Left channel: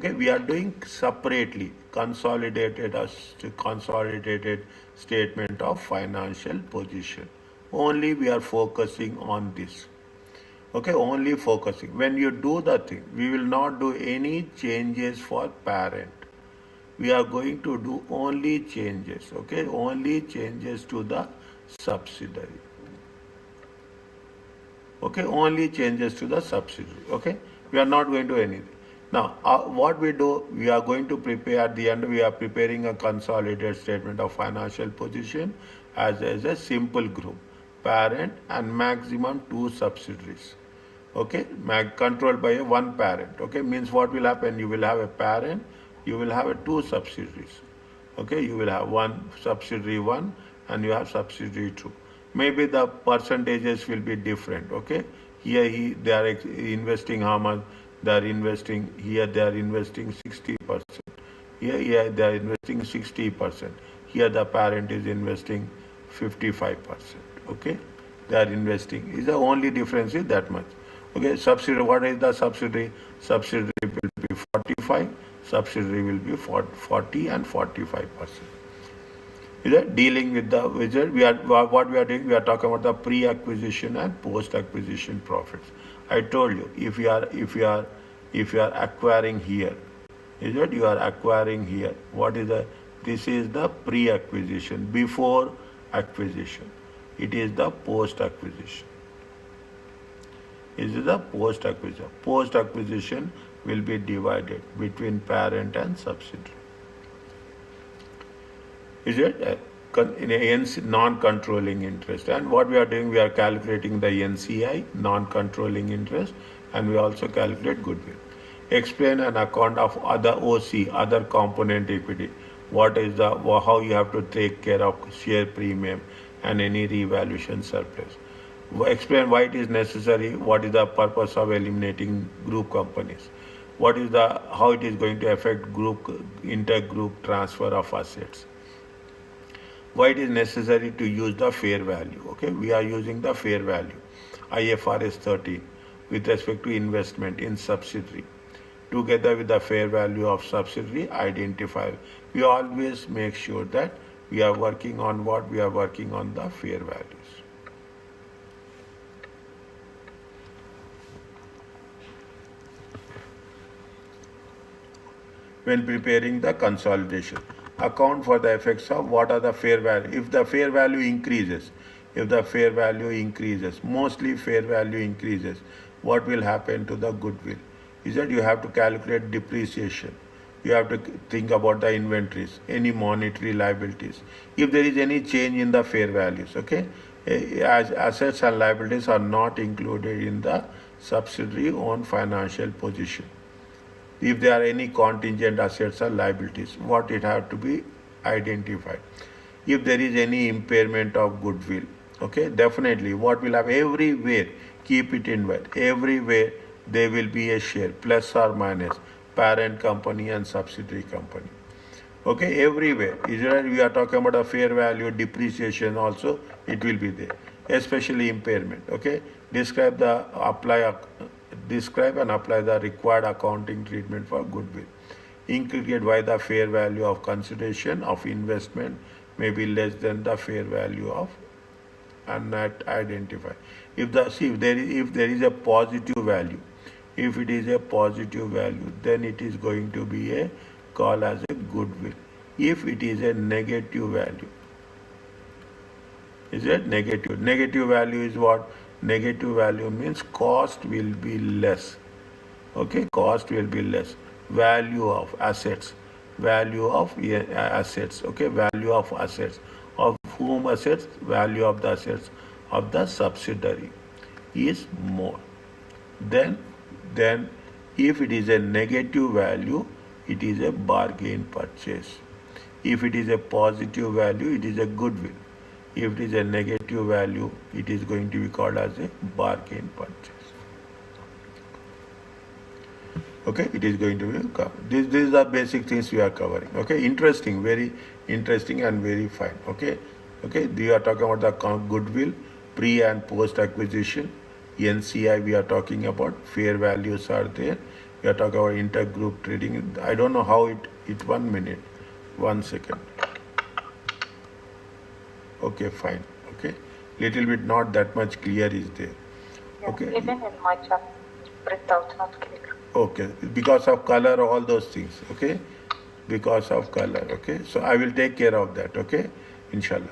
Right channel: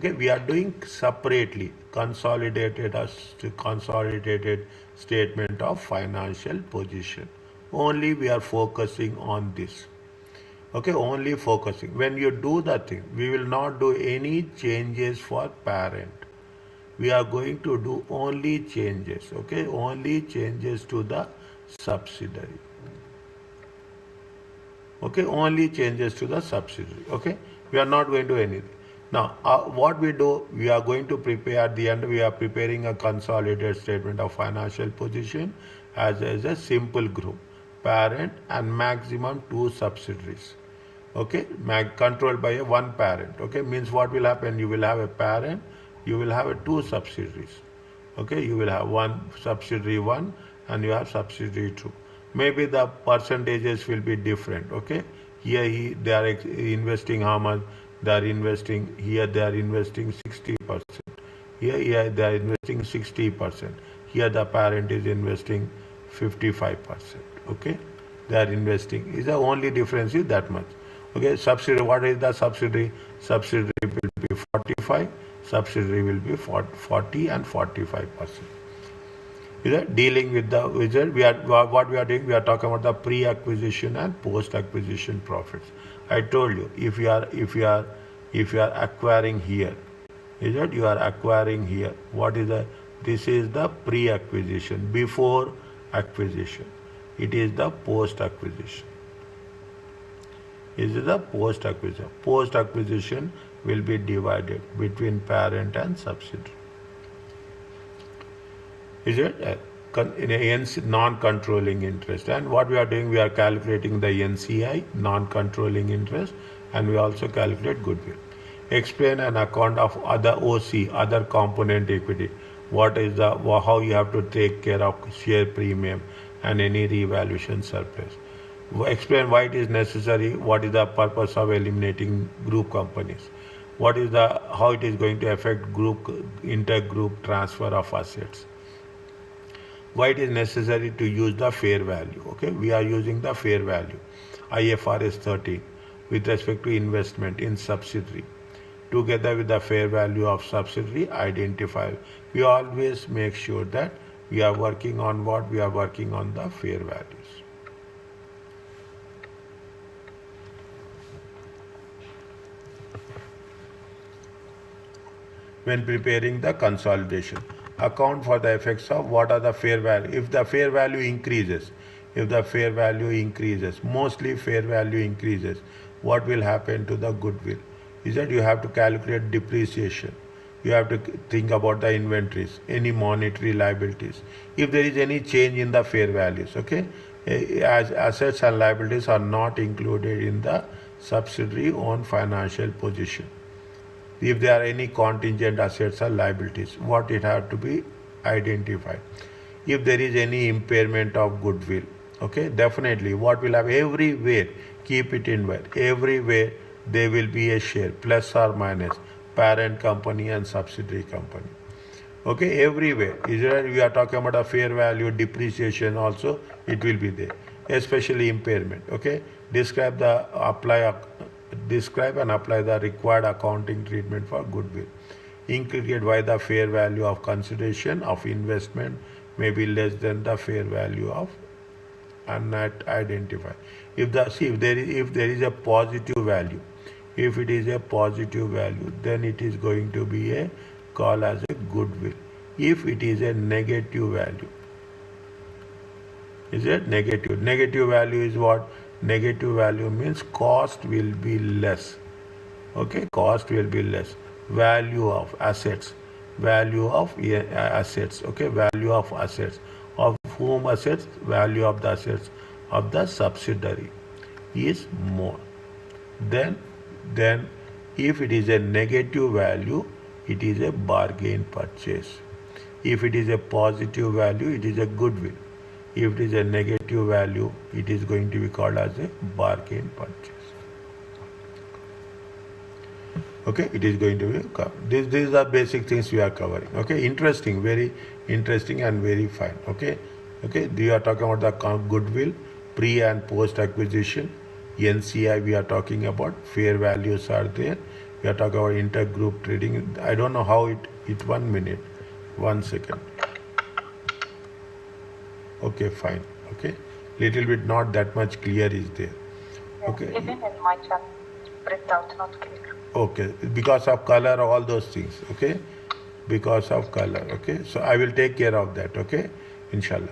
Okay, we are doing separately consolidated statement of financial position. Only we are focusing on this. Okay, only focusing. When you do the thing, we will not do any changes for parent. We are going to do only changes. Okay, only changes to the subsidiary. Okay, only changes to the subsidiary. Okay, we are not going to do anything. Now, what we do, we are going to prepare at the end, we are preparing a consolidated statement of financial position as a simple group, parent and maximum 2 subsidiaries. Okay, controlled by one parent. Okay, means what will happen, you will have a parent, you will have 2 subsidiaries. Okay, you will have one subsidiary 1 and you have subsidiary 2. Maybe the percentages will be different. Okay, here they are investing how much, they are investing, here they are investing 60%, here they are investing 60%, here the parent is investing 55%. Okay, they are investing, is the only difference is that much. Okay, subsidiary, what is the subsidiary? Subsidiary will be 45, subsidiary will be 40 and 45%. Is that dealing with the wizard? What we are doing, we are talking about the pre-acquisition and post-acquisition profits. I told you, if you are acquiring here, is that you are acquiring here. What is the? This is the pre-acquisition, before acquisition. It is the post-acquisition. This is the post-acquisition. Post-acquisition will be divided between parent and subsidiary. Is it in a non-controlling interest? And what we are doing, we are calculating the NCI, non-controlling interest, and we also calculate goodwill. Explain an account of other OC, other component equity. What is the, how you have to take care of share premium and any revaluation surplus. Explain why it is necessary, what is the purpose of eliminating group companies. What is the, how it is going to affect intergroup transfer of assets. Why it is necessary to use the fair value. Okay, we are using the fair value, IFRS 13, with respect to investment in subsidiary. Together with the fair value of subsidiary, identify. We always make sure that we are working on what? We are working on the fair values. When preparing the consolidation, account for the effects of what are the fair value. If the fair value increases, mostly fair value increases, what will happen to the goodwill? Is that you have to calculate depreciation. You have to think about the inventories, any monetary liabilities. If there is any change in the fair values, okay, as assets and liabilities are not included in the subsidiary own financial position. If there are any contingent assets or liabilities, what it have to be identified. If there is any impairment of goodwill, okay, definitely what will have, everywhere, keep it in mind, everywhere there will be a share, plus or minus, parent company and subsidiary company. Okay, everywhere. Either we are talking about a fair value, depreciation also, it will be there, especially impairment. Okay, describe and apply the required accounting treatment for goodwill. Indicate why the fair value of consideration of investment may be less than the fair value of, and not identify. If there is a positive value, if it is a positive value, then it is going to be a call as a goodwill. If it is a negative value, is it negative? Negative value is what? Negative value means cost will be less. Okay, cost will be less. Value of assets. Okay, value of assets. Of whom assets? Value of the assets of the subsidiary is more. Then if it is a negative value, it is a bargain purchase. If it is a positive value, it is a goodwill. If it is a negative value, it is going to be called as a bargain purchase. Okay, it is going to be covered. These are basic things we are covering. Okay, interesting, very interesting and very fine. Okay, we are talking about the goodwill, pre and post acquisition. NCI we are talking about, fair values are there. We are talking about intergroup trading. I don't know how it 1 minute. 1 second. Okay, fine. Okay. Little bit not that much clear is there. Okay. Even in my chart, printout not clear. Okay. Because of color, all those things. Okay. Because of color. Okay. So I will take care of that. Okay. Inshallah.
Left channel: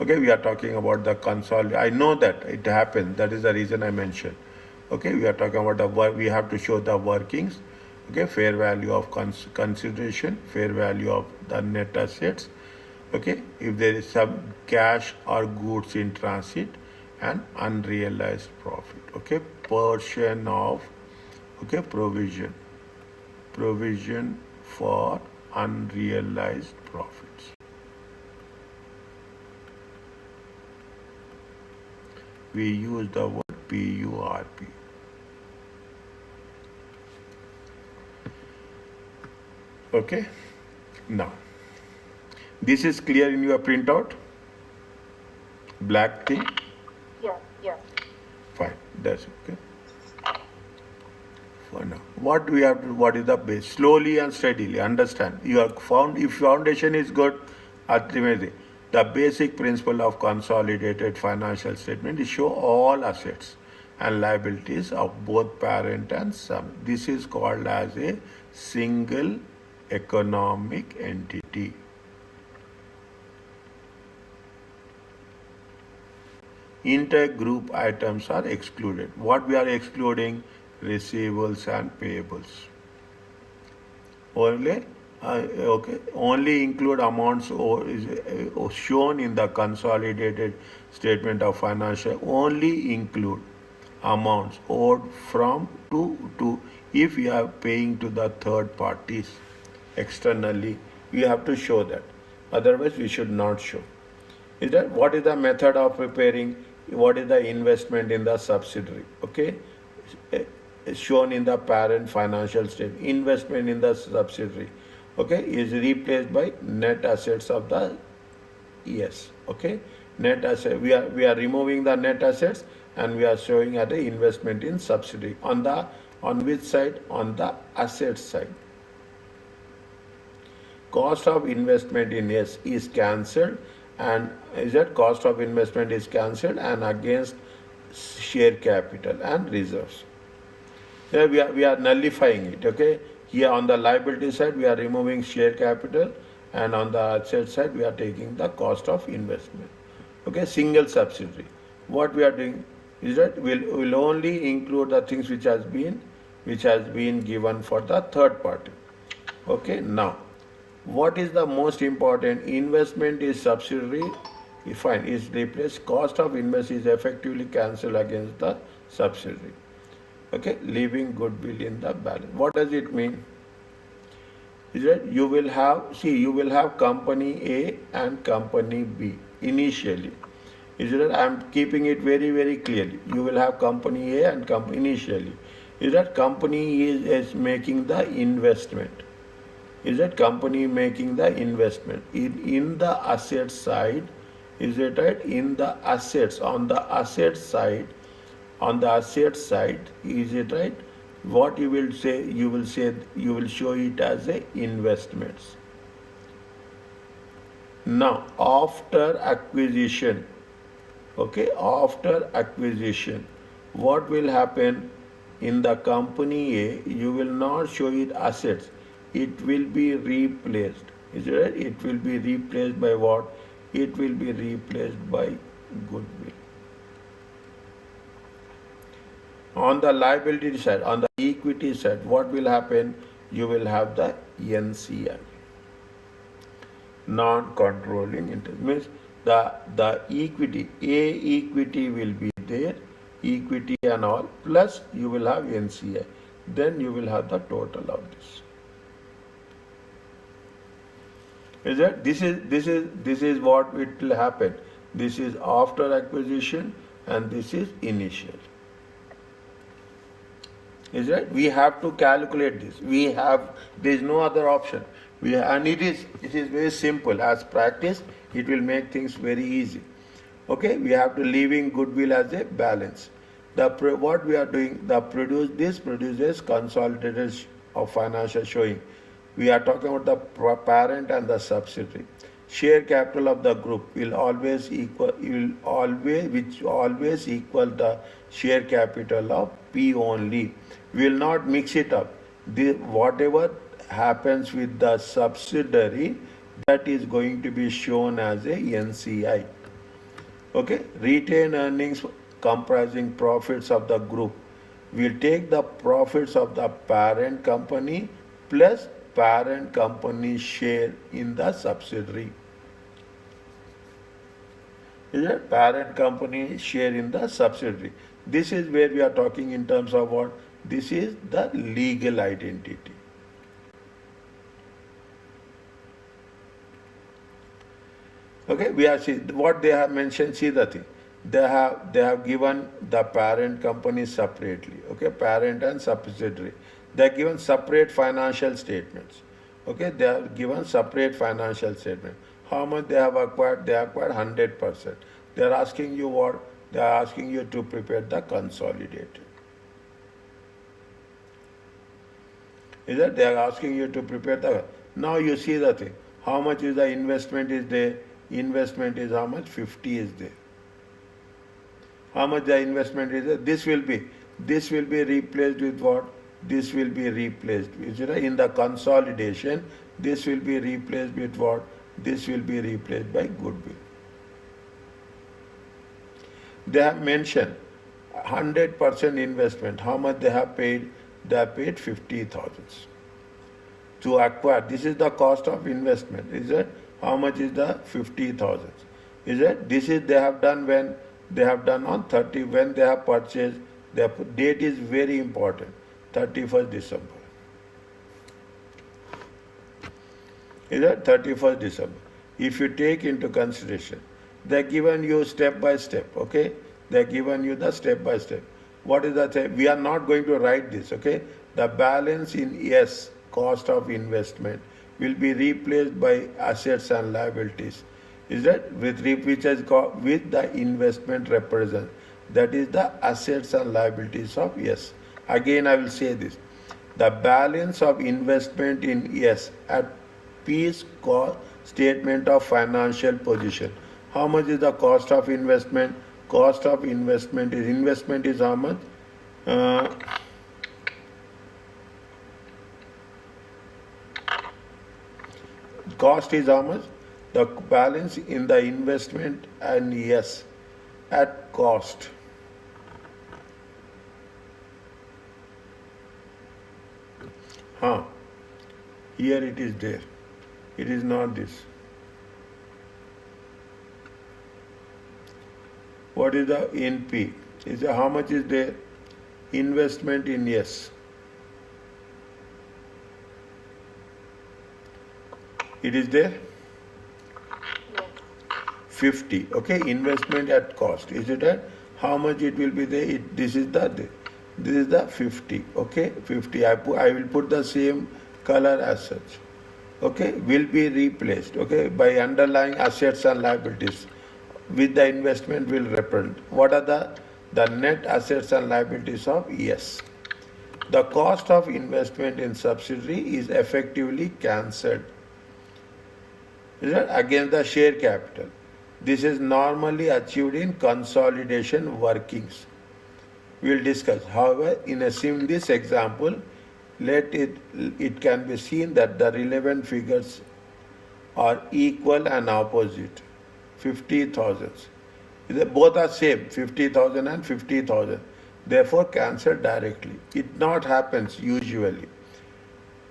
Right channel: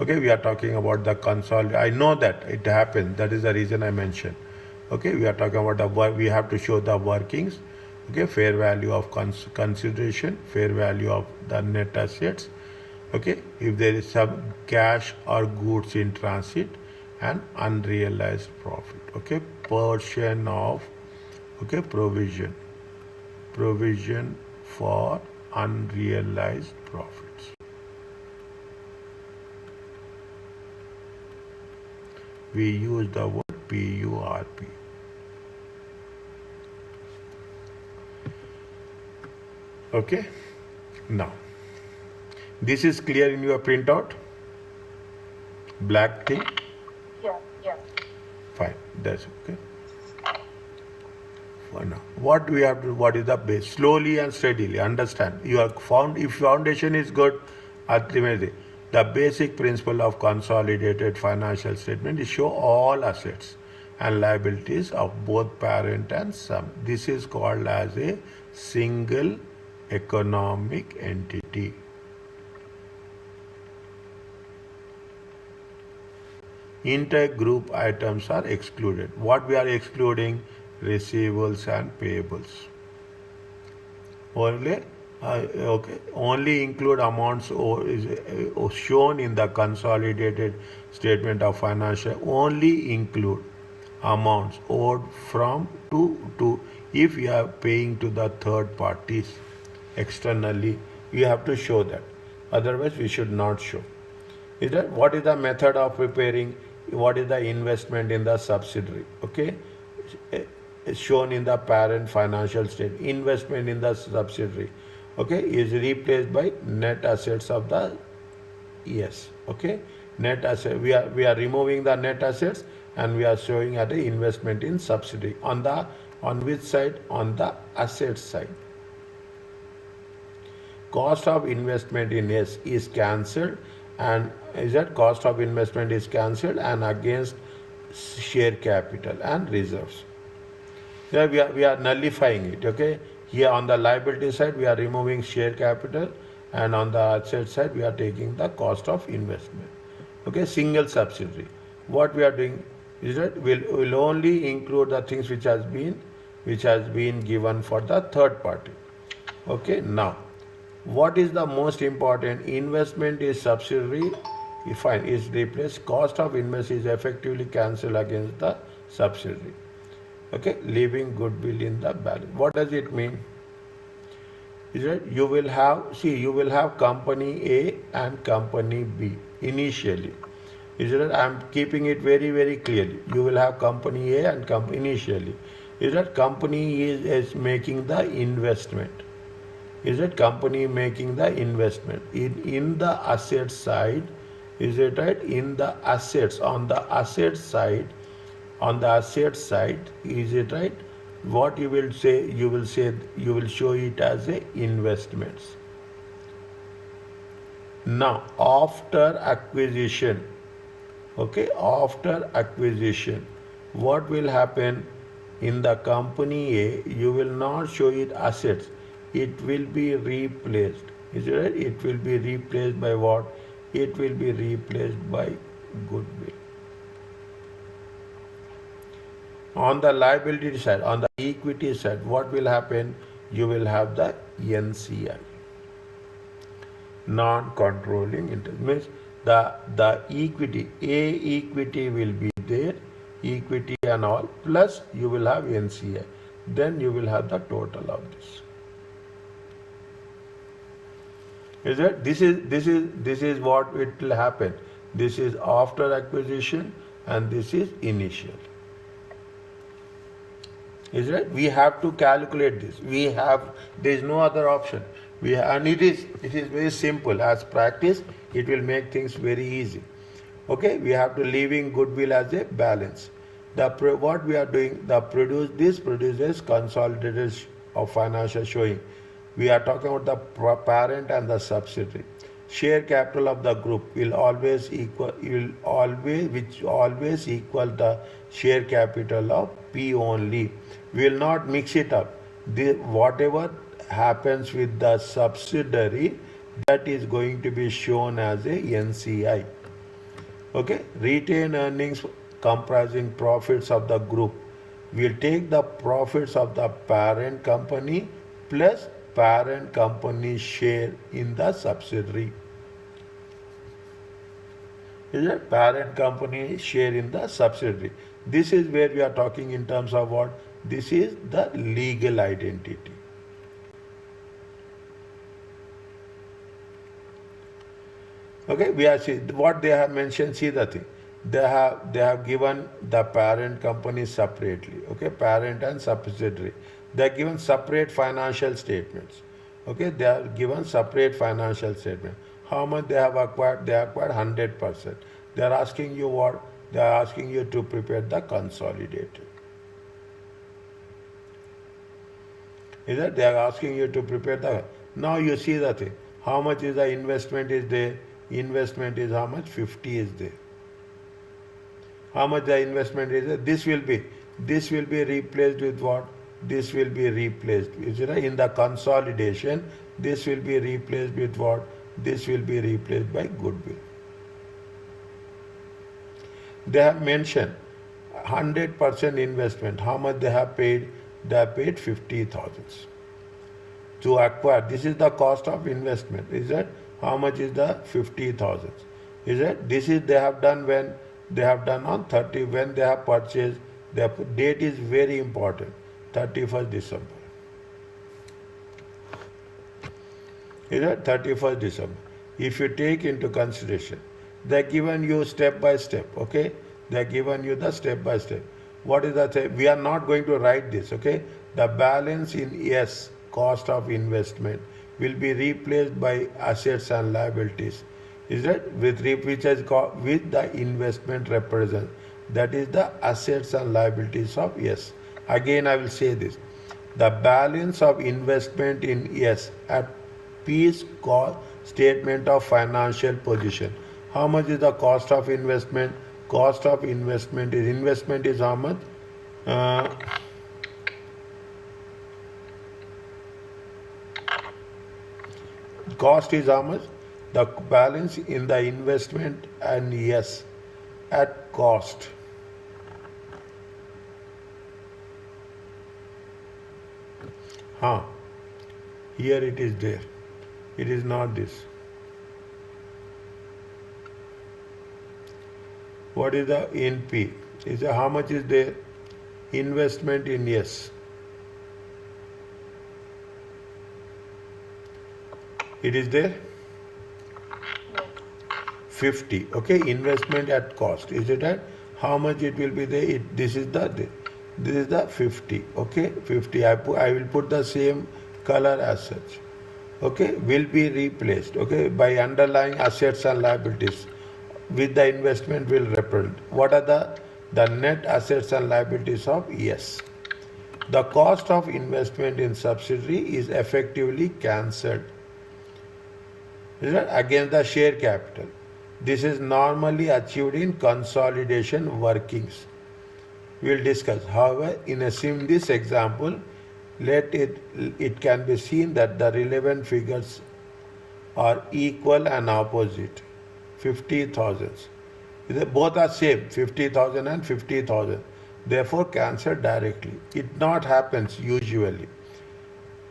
Okay. We are talking about the console. I know that it happened. That is the reason I mentioned. Okay. We are talking about the work. We have to show the workings. Okay. Fair value of consideration. Fair value of the net assets. Okay, if there is some cash or goods in transit, and unrealized profit. Okay, portion of provision for unrealized profits. We use the word PURP. Okay, now. This is clear in your printout? Black thing? Yeah. Fine, that's okay. For now. What is the base? Slowly and steadily, understand. You have found, if foundation is good, ultimately, the basic principle of consolidated financial statement is show all assets and liabilities of both parent and sum. This is called as a single economic entity. Intergroup items are excluded. What we are excluding? Receivables and payables. Only include amounts shown in the consolidated statement of financial. Only include amounts owed from to if you are paying to the third parties externally. You have to show that. Otherwise, we should not show. Is that what is the method of preparing? What is the investment in the subsidiary? Okay, shown in the parent financial statement. Investment in the subsidiary, okay, is replaced by net assets of the okay, net asset. We are removing the net assets and we are showing at the investment in subsidiary. On which side? On the asset side. Cost of investment in S is cancelled, and is that cost of investment is cancelled and against share capital and reserves. Here we are nullifying it. Okay. Here on the liability side we are removing share capital, and on the asset side we are taking the cost of investment. Okay. Single subsidiary. What we are doing is that we'll only include the things which has been given for the third party. Okay. Now, what is the most important? Investment is subsidiary. Fine, is replaced. Cost of investment is effectively cancelled against the subsidiary. Okay, leaving goodwill in the balance. What does it mean? Is that you will have company A and company B initially. Is that I am keeping it very, very clearly. You will have company A and company initially. Is that company is making the investment? Is that company making the investment in the asset side? Is it right? In the assets, on the asset side, is it right? What you will show it as a investments. Now, after acquisition, what will happen in the company A? You will not show it assets. It will be replaced. Is it right? It will be replaced by what? It will be replaced by goodwill. On the liability side, on the equity side, what will happen? You will have the NCI, non-controlling interest. Means the equity, equity will be there, equity and all, plus you will have NCI. Then you will have the total of this. Is that this is what it will happen. This is after acquisition and this is initial. Is that we have to calculate this. There is no other option. And it is very simple. As practice, it will make things very easy. Okay, we have to leaving goodwill as a balance. What we are doing, this produces consolidated of financial showing. We are talking about the parent and the subsidiary. Share capital of the group will always equal the share capital of P only. We will not mix it up. Whatever happens with the subsidiary, that is going to be shown as a NCI. Okay, retained earnings comprising profits of the group. We'll take the profits of the parent company plus parent company share in the subsidiary. Is it? Parent company share in the subsidiary. This is where we are talking in terms of what? This is the legal identity. Okay, we are see what they have mentioned. See the thing. They have given the parent company separately. Okay, parent and subsidiary. They are given separate financial statements. Okay, they are given separate financial statement. How much they have acquired? They acquired 100%. They are asking you what? They are asking you to prepare the consolidated. Is that they are asking you to prepare the? Now you see the thing. How much is the investment is there? Investment is how much? 50 is there. How much the investment is there? This will be replaced with what? This will be replaced. Is it in the consolidation? This will be replaced with what? This will be replaced by goodwill. They have mentioned 100% investment. How much they have paid? They have paid 50,000 to acquire. This is the cost of investment. Is it? How much is the 50,000? Is it? This is they have done when they have done on 30 when they have purchased. The date is very important. 31st December. Is it 31st December? If you take into consideration, they are given you step by step. Okay, they are given you the step by step. What is that? We are not going to write this. Okay, the balance in S, cost of investment, will be replaced by assets and liabilities. Is that with which has got with the investment represent? That is the assets and liabilities of S. Again, I will say this: the balance of investment in S at P's statement of financial position. How much is the cost of investment? Cost of investment is how much? Cost is how much? The balance in the investment and yes, at cost. Here it is there. It is not this. What is the NP? Is how much is there? Investment in yes. It is there? 50. Okay, investment at cost. Is it at how much it will be there? This is the 50. Okay, 50. I will put the same color as such. Okay, will be replaced. Okay, by underlying assets and liabilities with the investment will represent. What are the net assets and liabilities of yes? The cost of investment in subsidiary is effectively cancelled against the share capital. This is normally achieved in consolidation workings. We will discuss. However, in this example, it can be seen that the relevant figures are equal and opposite. 50,000. Both are same, 50,000 and 50,000. Therefore, cancelled directly. It not happens usually.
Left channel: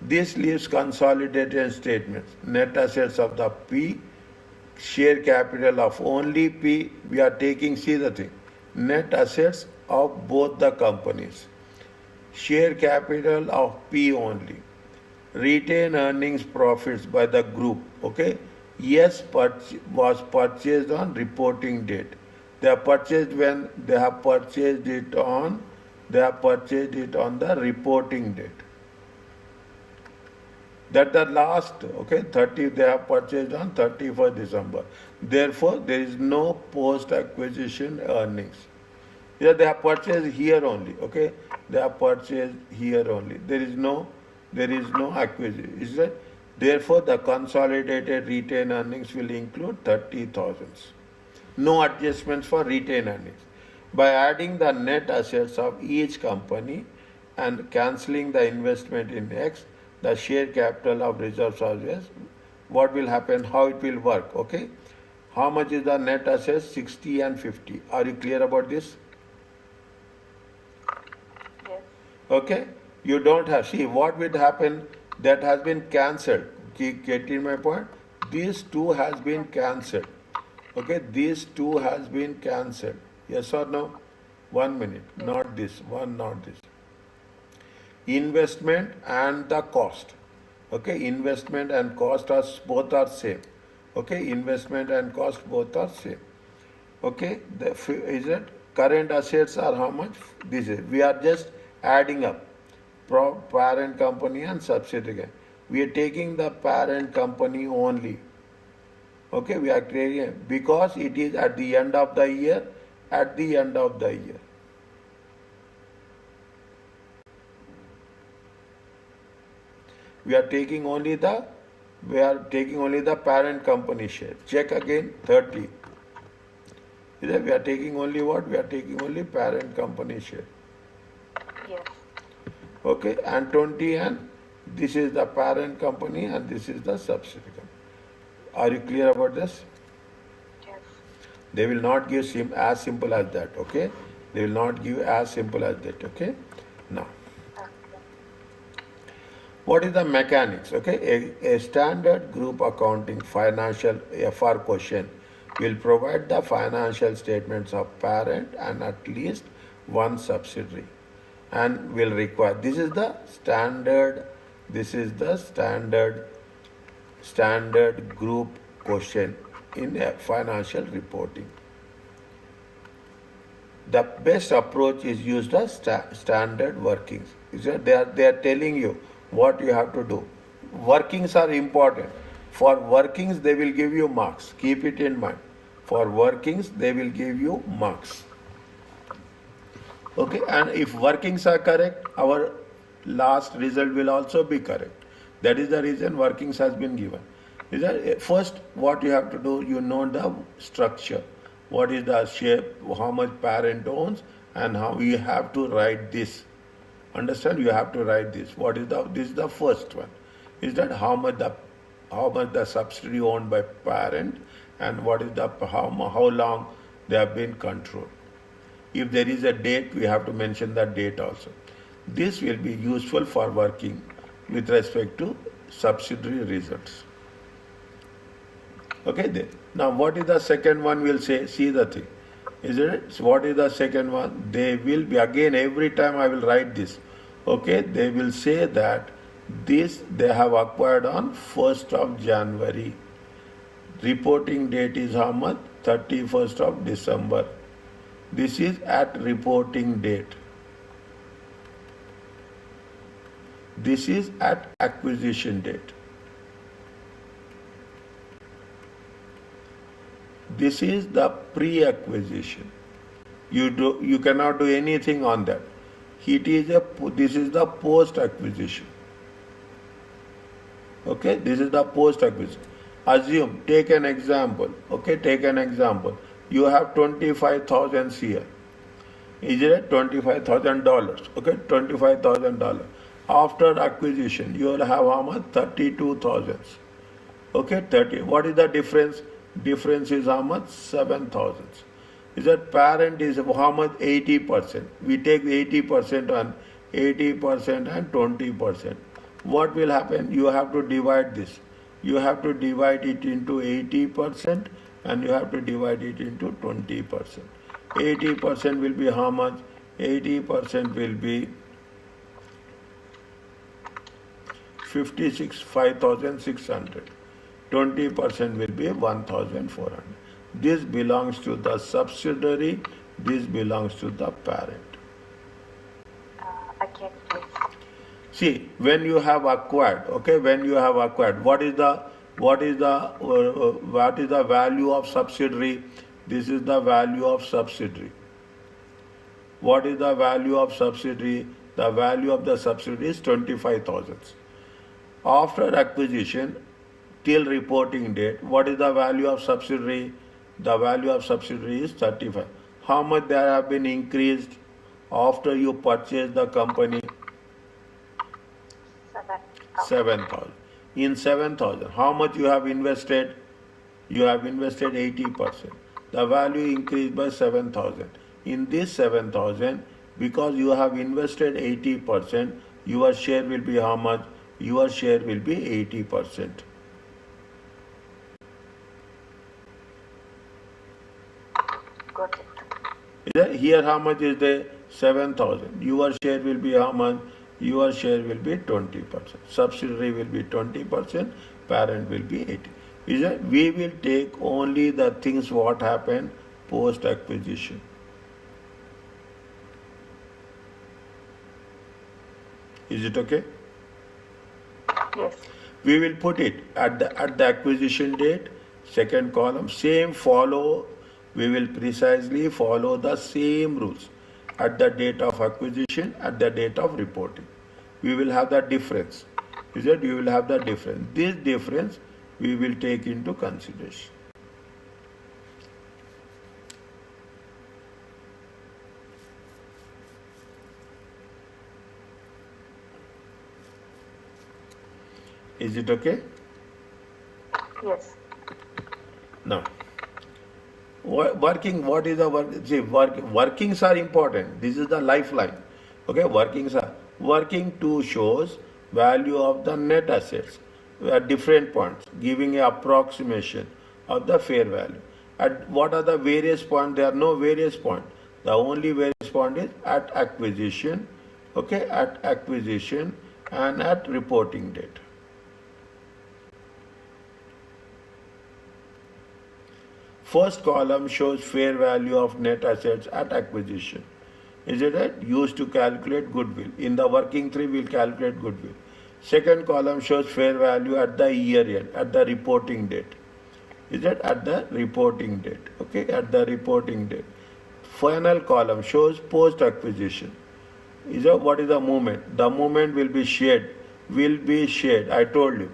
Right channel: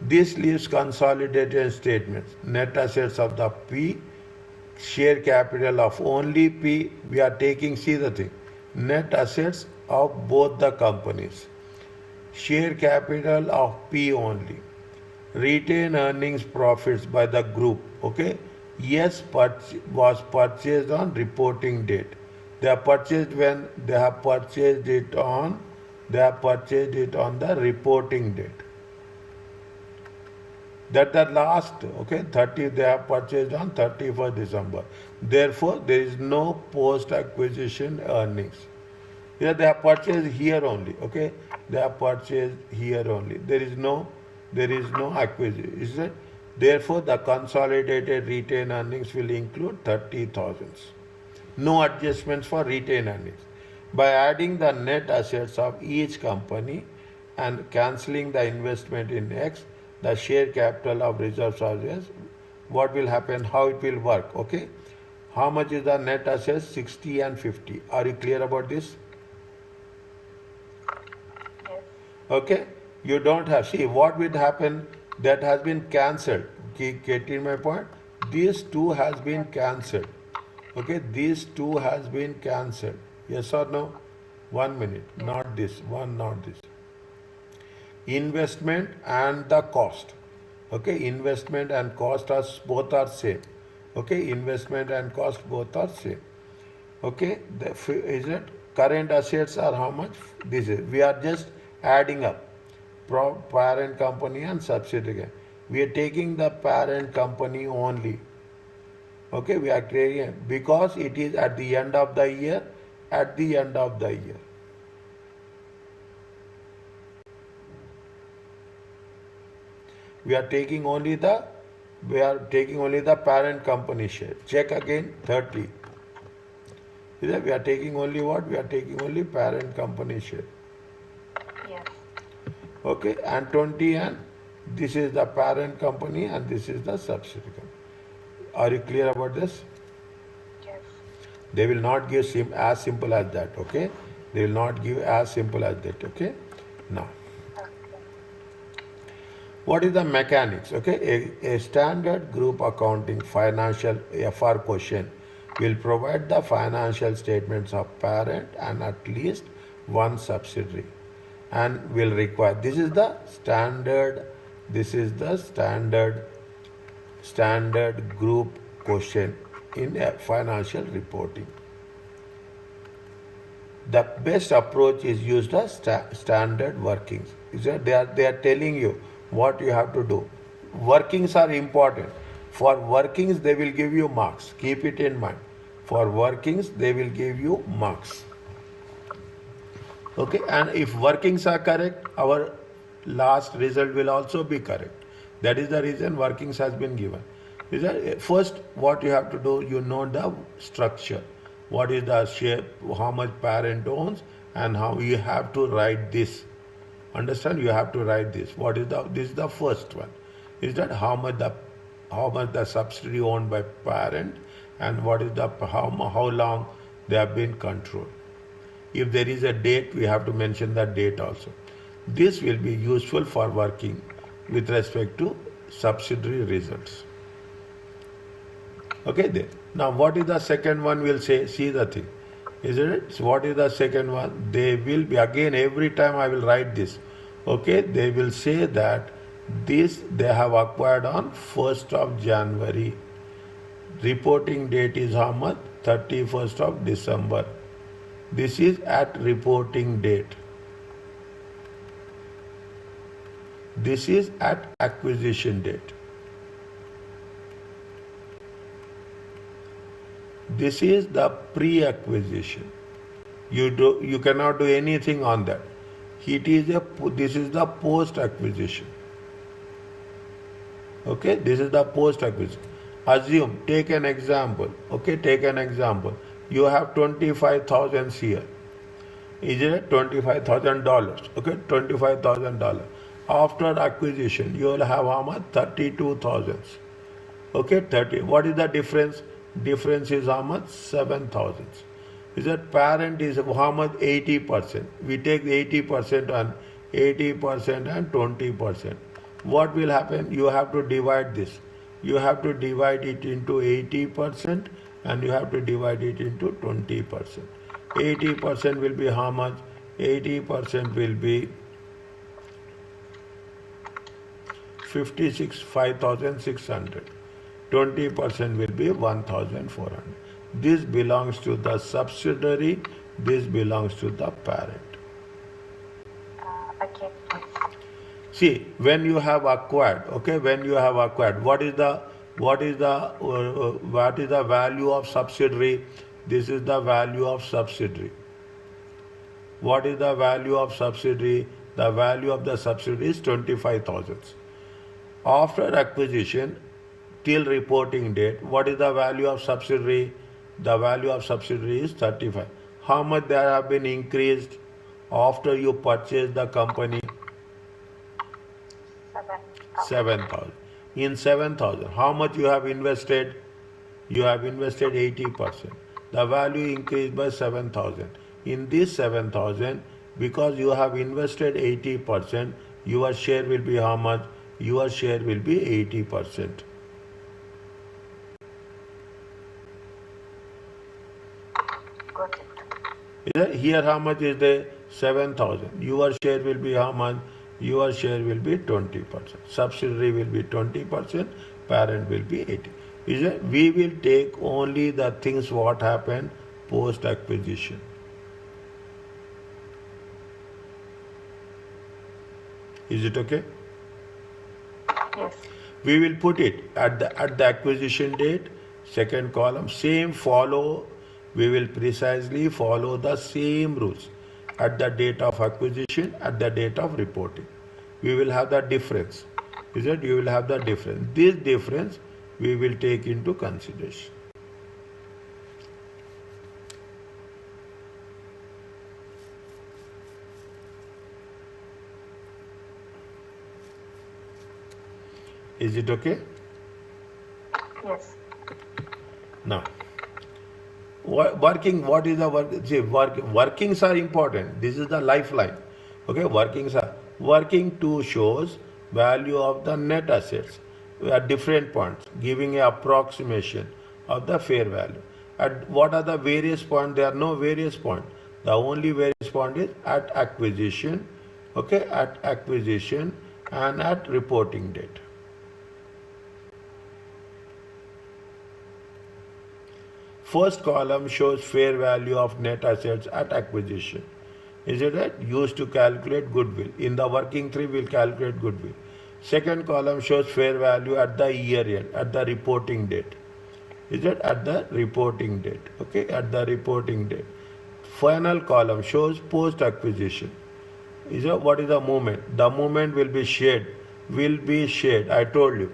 This leaves consolidated statements. Net assets of the P, share capital of only P. We are taking, see the thing, net assets of both the companies. Share capital of P only. Retain earnings profits by the group. Okay. Yes, was purchased on reporting date. They have purchased when they have purchased it on. They have purchased it on the reporting date. That the last, okay, 30 they have purchased on 31st December. Therefore, there is no post-acquisition earnings. Yeah, they have purchased here only. Okay, they have purchased here only. There is no acquisition. Is that? Therefore, the consolidated retained earnings will include 30,000. No adjustments for retained earnings. By adding the net assets of each company and cancelling the investment in X, the share capital of reserves are yes. What will happen? How it will work? Okay. How much is the net assets? 60 and 50. Are you clear about this? Yes. Okay. You don't have. See what will happen? That has been cancelled. Getting my point? These two has been cancelled. Okay. These two has been cancelled. Yes or no? 1 minute. Yes. Not this. One. Not this. Investment and the cost. Okay. Investment and cost are both are same. Okay. Investment and cost both are same. Okay. Is it current assets are how much? This is. We are just adding up parent company and subsidiary. We are taking the parent company only. Okay, we are creating because it is at the end of the year. At the end of the year. We are taking only the parent company share. Check again 30. We are taking only what? We are taking only parent company share. Yes. Okay, and 20 and this is the parent company and this is the subsidiary company. Are you clear about this? Yes. They will not give as simple as that. Okay, they will not give as simple as that. Okay, now. Okay. What is the mechanics? Okay, a standard group accounting financial FR question will provide the financial statements of parent and at least one subsidiary and will require this is the standard group question in financial reporting. The best approach is use the standard workings. They are telling you what you have to do. Workings are important. For workings, they will give you marks. Keep it in mind. For workings, they will give you marks. Okay, and if workings are correct, our last result will also be correct. That is the reason workings has been given. First, what you have to do, you know the structure. What is the shape, how much parent owns, and how you have to write this. Understand? You have to write this. This is the first one. Is that how much the subsidiary owned by parent, and what is how long they have been controlled. If there is a date, we have to mention that date also. This will be useful for working with respect to subsidiary results. Okay, there. Now, what is the second one? Will say, see the thing. Isn't it? So what is the second one? They will be, again, every time I will write this. Okay, they will say that this they have acquired on 1st of January. Reporting date is how much? 31st of December. This is at reporting date. This is at acquisition date. This is the pre-acquisition. You cannot do anything on that. This is the post-acquisition. Okay, this is the post-acquisition. Assume, take an example. Okay, take an example. You have 25,000 here. Is it $25,000? Okay, $25,000. After acquisition, you will have how much? 32,000. Okay, 30. What is the difference? Difference is how much? 7,000. Is that parent is how much? 80%. We take 80% on 80% and 20%. What will happen? You have to divide this. You have to divide it into 80% and you have to divide it into 20%. 80% will be how much? 80% will be 5,600. 20% will be 1,400. This belongs to the subsidiary. This belongs to the parent. Again, please. See, when you have acquired, okay, when you have acquired, what is the value of subsidiary? This is the value of subsidiary. What is the value of subsidiary? The value of the subsidiary is 25,000. After acquisition, till reporting date, what is the value of subsidiary? The value of subsidiary is 35. How much there have been increased after you purchase the company? 7,000. In 7,000, how much you have invested? You have invested 80%. The value increased by 7,000. In this 7,000, because you have invested 80%, your share will be how much? Your share will be 80%. Got it. Here how much is there? 7,000. Your share will be how much? Your share will be 20%. Subsidiary will be 20%. Parent will be 80. We will take only the things what happened post acquisition. Is it okay? Yes. We will put it at the acquisition date, second column, same follow. We will precisely follow the same rules at the date of acquisition, at the date of reporting. We will have the difference. You will have the difference. This difference we will take into consideration. Is it okay? Yes. Now, working, what is the work? See, workings are important. This is the lifeline. Okay, working to shows value of the net assets at different points, giving an approximation of the fair value. At what are the various points? There are no various points. The only various point is at acquisition, okay, at acquisition and at reporting date. First column shows fair value of net assets at acquisition. Is it right? Used to calculate goodwill. In the working tree, we'll calculate goodwill. Second column shows fair value at the year end, at the reporting date. Is it at the reporting date? Okay, at the reporting date. Final column shows post acquisition. Is it what is the movement? The movement will be shared. Will be shared. I told you.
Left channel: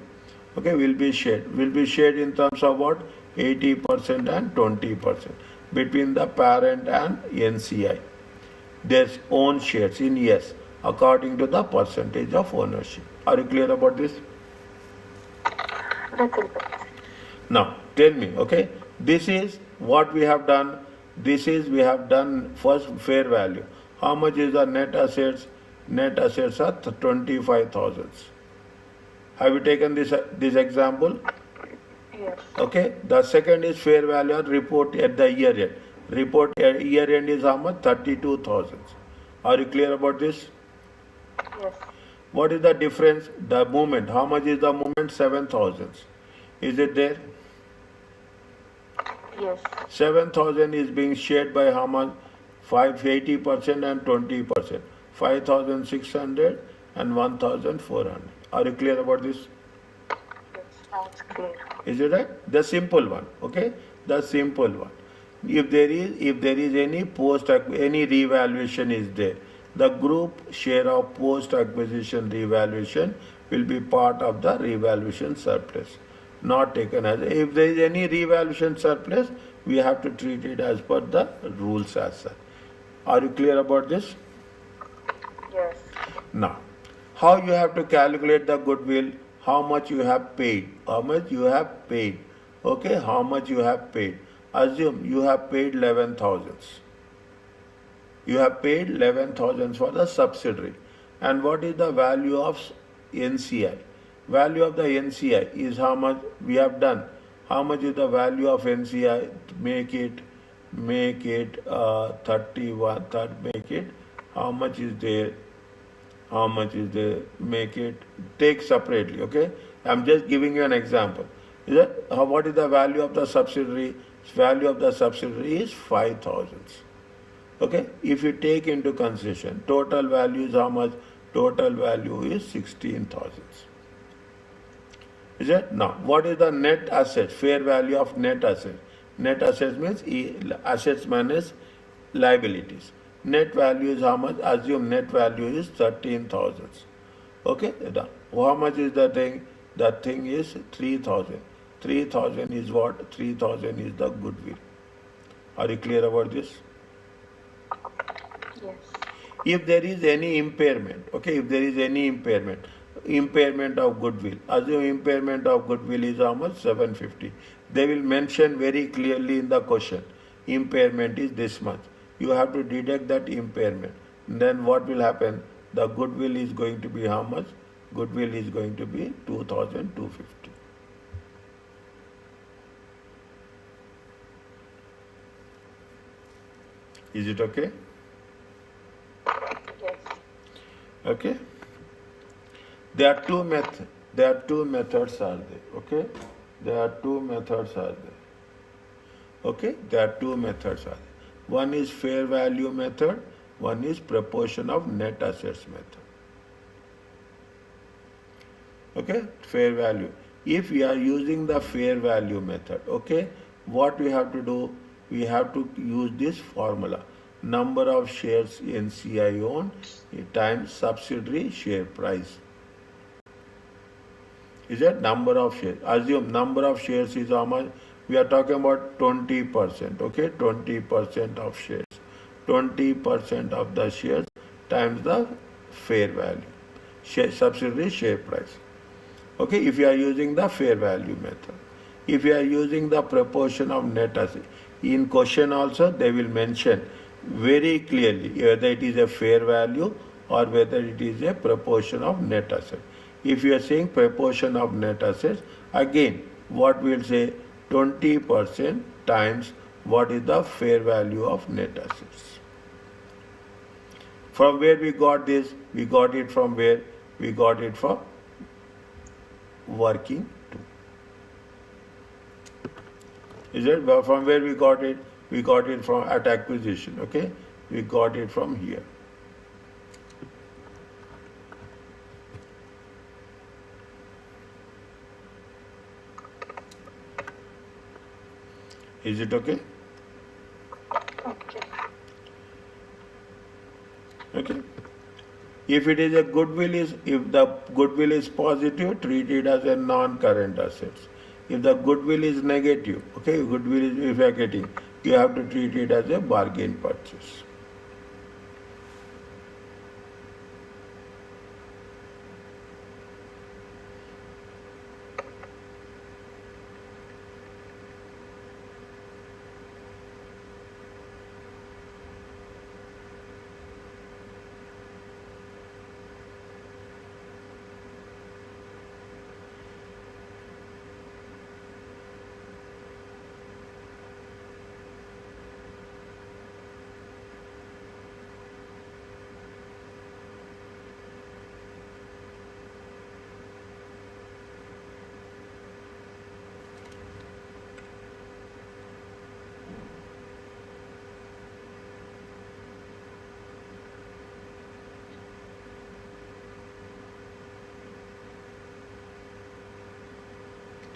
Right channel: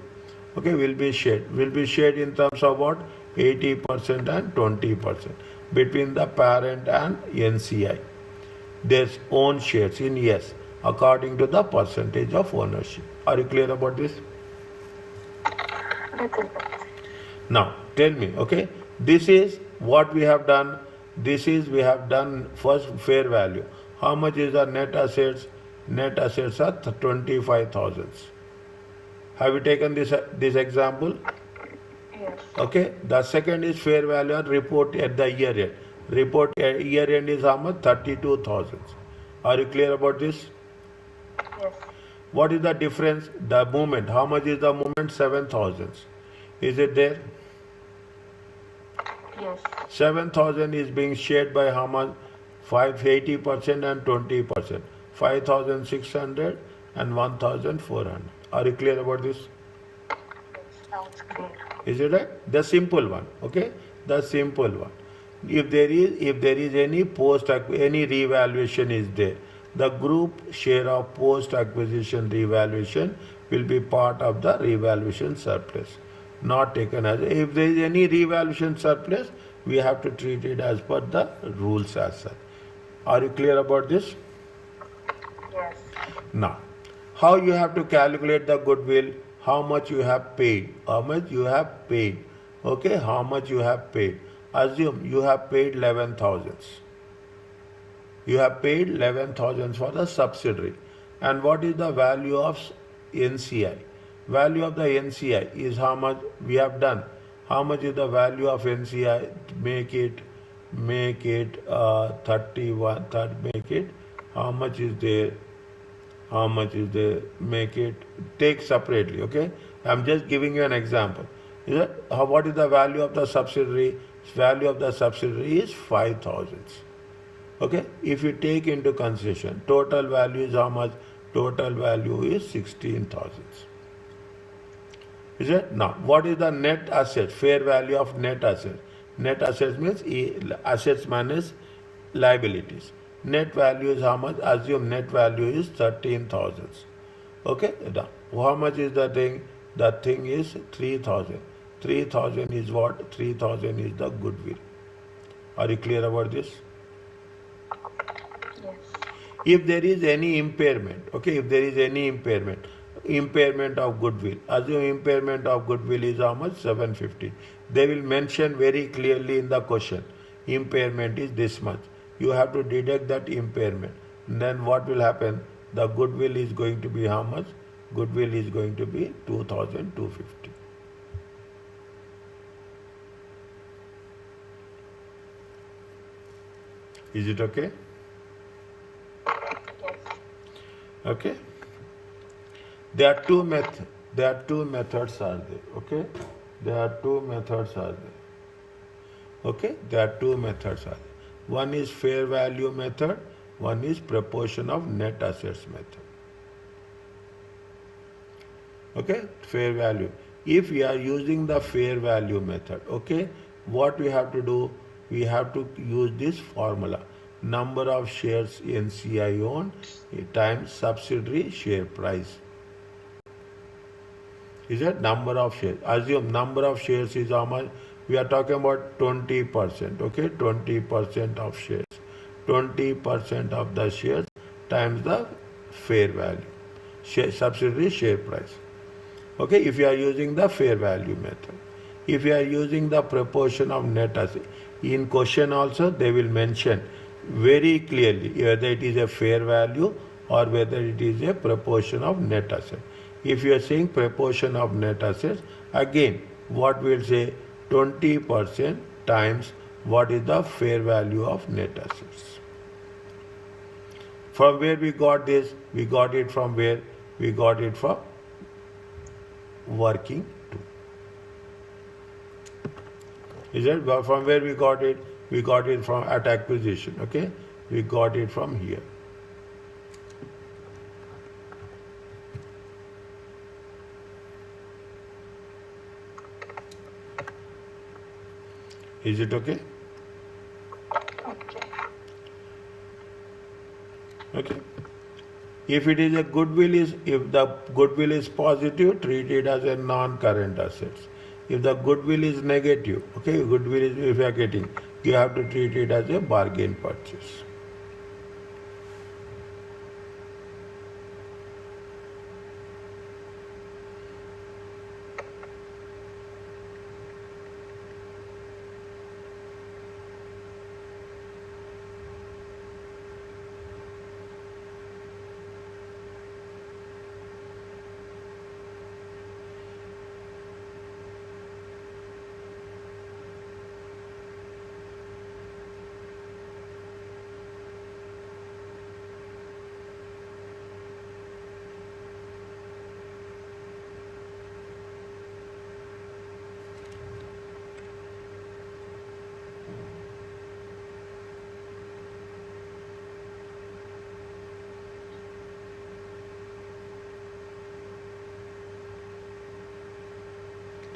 Okay, will be shared. Will be shared in terms of what? 80% and 20% between the parent and NCI. There's own shares in yes, according to the percentage of ownership. Are you clear about this? Little bit. Now, tell me, okay, this is what we have done. This is we have done first fair value. How much is the net assets? Net assets are 25,000. Have you taken this example? Yes. Okay. The second is fair value and report at the year end. Report at year end is how much? 32,000. Are you clear about this? Yes. What is the difference? The movement. How much is the movement? 7,000. Is it there? Yes. 7,000 is being shared by how much? 80% and 20%. 5,600 and 1,400. Are you clear about this? Yes. Sounds clear. Is it right? The simple one. Okay? The simple one. If there is any revaluation is there, the group share of post acquisition revaluation will be part of the revaluation surplus, not taken as if there is any revaluation surplus, we have to treat it as per the rules as such. Are you clear about this? Yes. Now, how you have to calculate the goodwill? How much you have paid? How much you have paid? Okay, how much you have paid? Assume you have paid 11,000. You have paid 11,000 for the subsidiary. And what is the value of NCI? Value of the NCI is how much we have done. How much is the value of NCI? Make it 31. Make it. How much is there? How much is there? Make it. Take separately. Okay. I'm just giving you an example. Is it? What is the value of the subsidiary? Value of the subsidiary is 5,000. Okay. If you take into consideration, total value is how much? Total value is 16,000. Is it? Now, what is the net asset? Fair value of net asset. Net assets means assets minus liabilities. Net value is how much? Assume net value is 13,000. Okay, done. How much is the thing? The thing is 3,000. 3,000 is what? 3,000 is the goodwill. Are you clear about this? Yes. If there is any impairment, okay, if there is any impairment of goodwill, assume impairment of goodwill is how much? 750. They will mention very clearly in the question, impairment is this much. You have to deduct that impairment. Then what will happen? The goodwill is going to be how much? Goodwill is going to be 2,250. Is it okay? Yes. Okay. There are two methods. There are two methods are there. Okay. There are two methods are there. Okay. There are two methods are there. One is fair value method. One is proportion of net assets method. Okay. Fair value. If we are using the fair value method, okay, what we have to do? We have to use this formula. Number of shares NCI owned times subsidiary share price. Is that number of shares? Assume number of shares is how much? We are talking about 20%. Okay, 20% of shares. 20% of the shares times the fair value. Subsidiary share price. Okay, if you are using the fair value method. If you are using the proportion of net asset, in question also they will mention very clearly whether it is a fair value or whether it is a proportion of net asset. If you are saying proportion of net assets, again what we will say 20% times what is the fair value of net assets. From where we got this? We got it from where? We got it from working to. Is it from where we got it? We got it from at acquisition. Okay, we got it from here. Is it okay? Okay. Okay. If it is a if the goodwill is positive, treat it as a non-current assets. If the goodwill is negative, okay, goodwill is if you are getting, you have to treat it as a bargain purchase.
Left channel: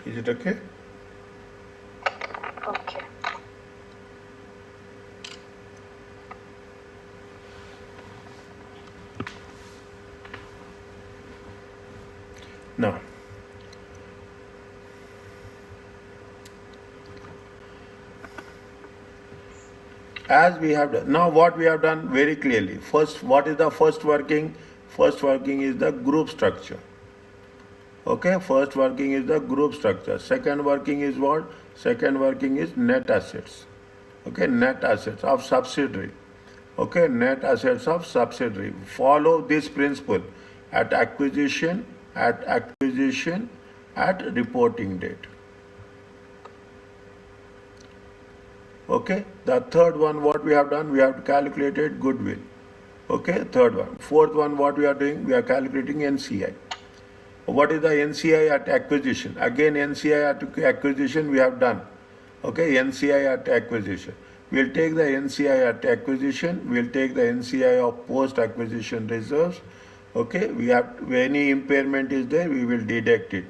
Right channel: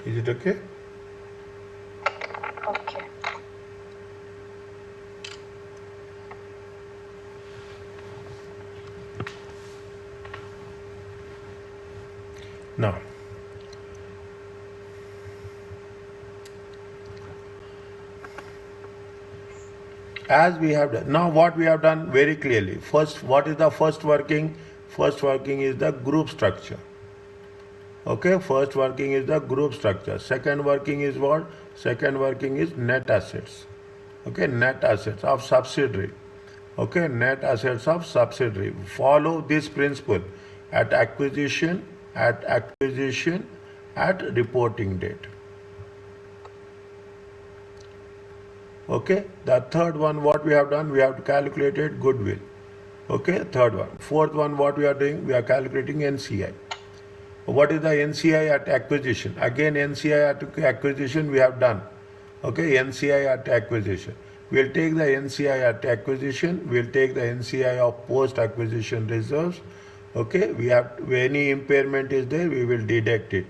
Is it okay? Okay. Now, as we have done, now what we have done very clearly. First, what is the first working? First working is the group structure. Okay, first working is the group structure. Second working is what? Second working is net assets. Okay, net assets of subsidiary. Okay, net assets of subsidiary. Follow this principle at acquisition, at reporting date. Okay, the third one, what we have done? We have calculated goodwill. Okay, third one. Fourth one, what we are doing? We are calculating NCI. What is the NCI at acquisition? Again, NCI at acquisition we have done. Okay, NCI at acquisition. We'll take the NCI at acquisition. We'll take the NCI of post-acquisition reserves. Okay, we have any impairment is there, we will deduct it.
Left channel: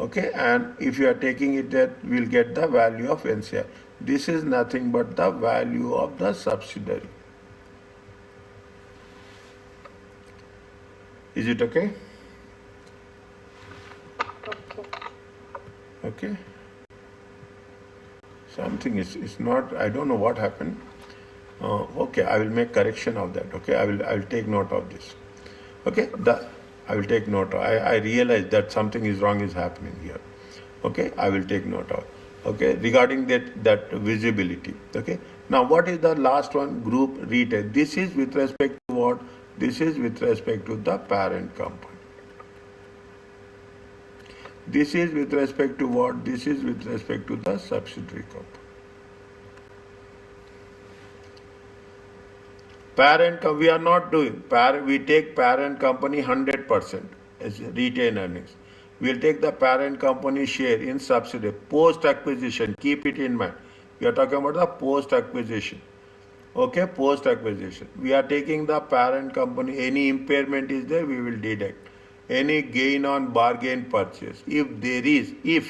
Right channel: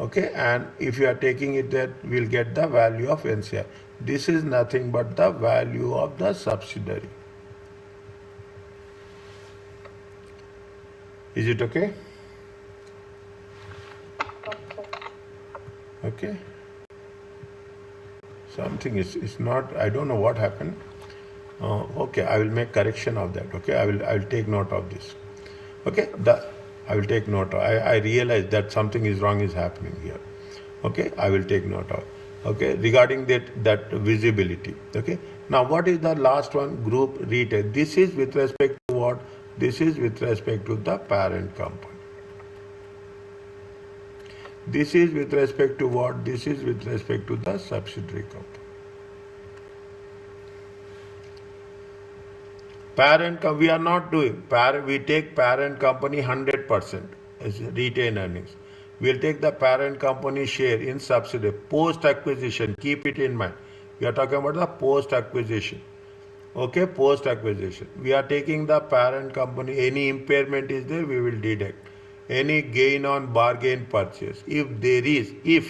Okay, and if you are taking it that, we'll get the value of NCI. This is nothing but the value of the subsidiary. Is it okay? Okay. Okay. Something is not, I don't know what happened. Okay, I will make correction of that. Okay, I will take note of this. Okay, I will take note. I realize that something is wrong is happening here. Okay, I will take note of. Okay, regarding that visibility. Okay, now what is the last one? Group retail. This is with respect to what? This is with respect to the parent company. This is with respect to what? This is with respect to the subsidiary company. We are not doing, we take parent company 100% as retained earnings. We'll take the parent company share in subsidiary, post-acquisition, keep it in mind. We are talking about the post-acquisition. Okay, post-acquisition. We are taking the parent company, any impairment is there, we will deduct. Any gain on bargain purchase, if there is, is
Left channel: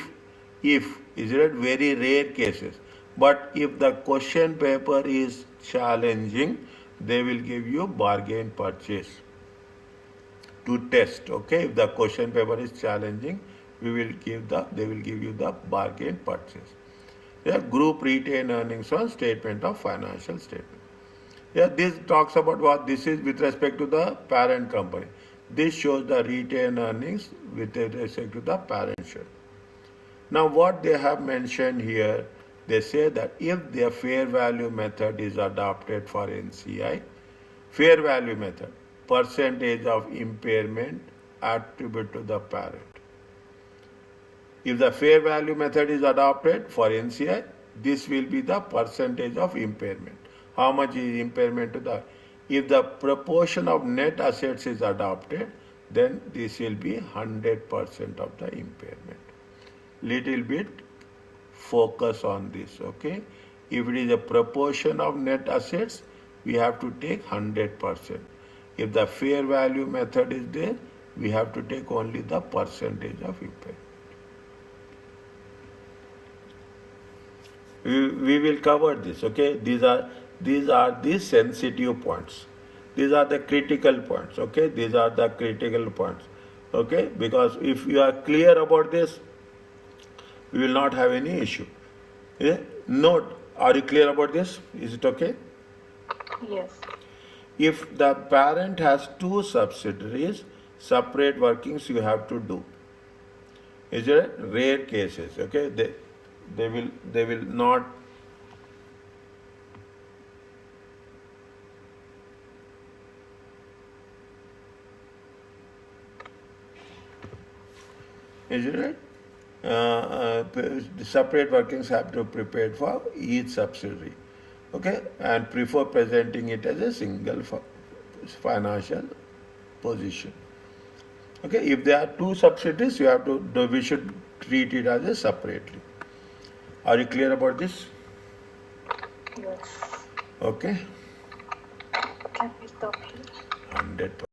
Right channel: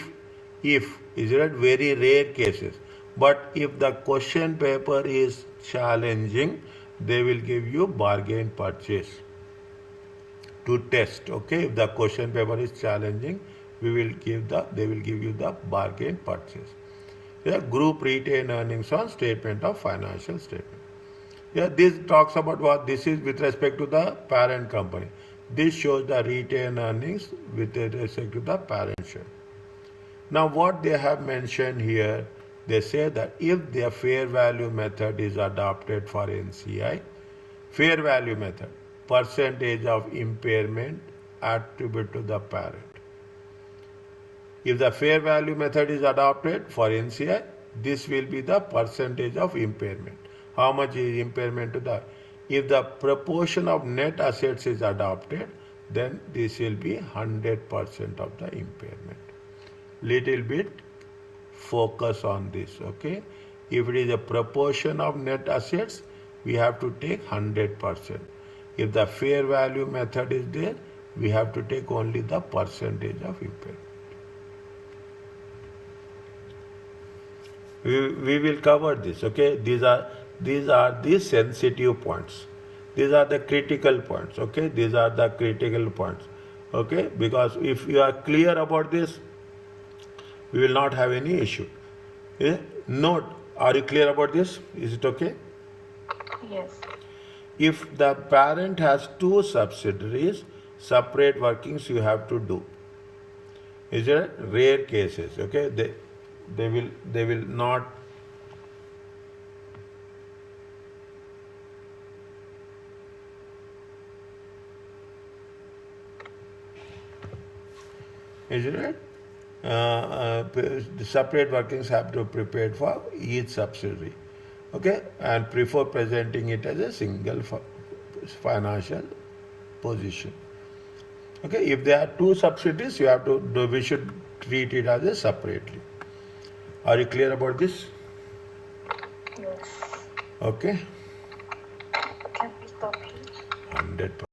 it very rare cases. But if the question paper is challenging, they will give you bargain purchase to test. Okay, if the question paper is challenging, they will give you the bargain purchase. Yeah, group retained earnings on statement of financial statement. Yeah, this talks about what? This is with respect to the parent company. This shows the retained earnings with respect to the parent share. Now what they have mentioned here, they say that if the fair value method is adopted for NCI, fair value method, percentage of impairment attributed to the parent. If the fair value method is adopted for NCI, this will be the percentage of impairment. How much is impairment to the? If the proportion of net assets is adopted, then this will be 100% of the impairment. Little bit focus on this, okay? If it is a proportion of net assets, we have to take 100%. If the fair value method is there, we have to take only the percentage of impairment. We will cover this, okay? These are the sensitive points. These are the critical points, okay? These are the critical points, okay? Because if you are clear about this, we will not have any issue. Yeah? Note, are you clear about this? Is it okay? Yes. If the parent has two subsidiaries, separate workings you have to do. Is it rare cases? Okay, they will not. Is it right? The separate workings have to be prepared for each subsidiary. Okay, and prefer presenting it as a single financial position. Okay, if there are two subsidiaries, we should treat it as a separately. Are you clear about this? Yes. Okay. Can we stop here? 100%.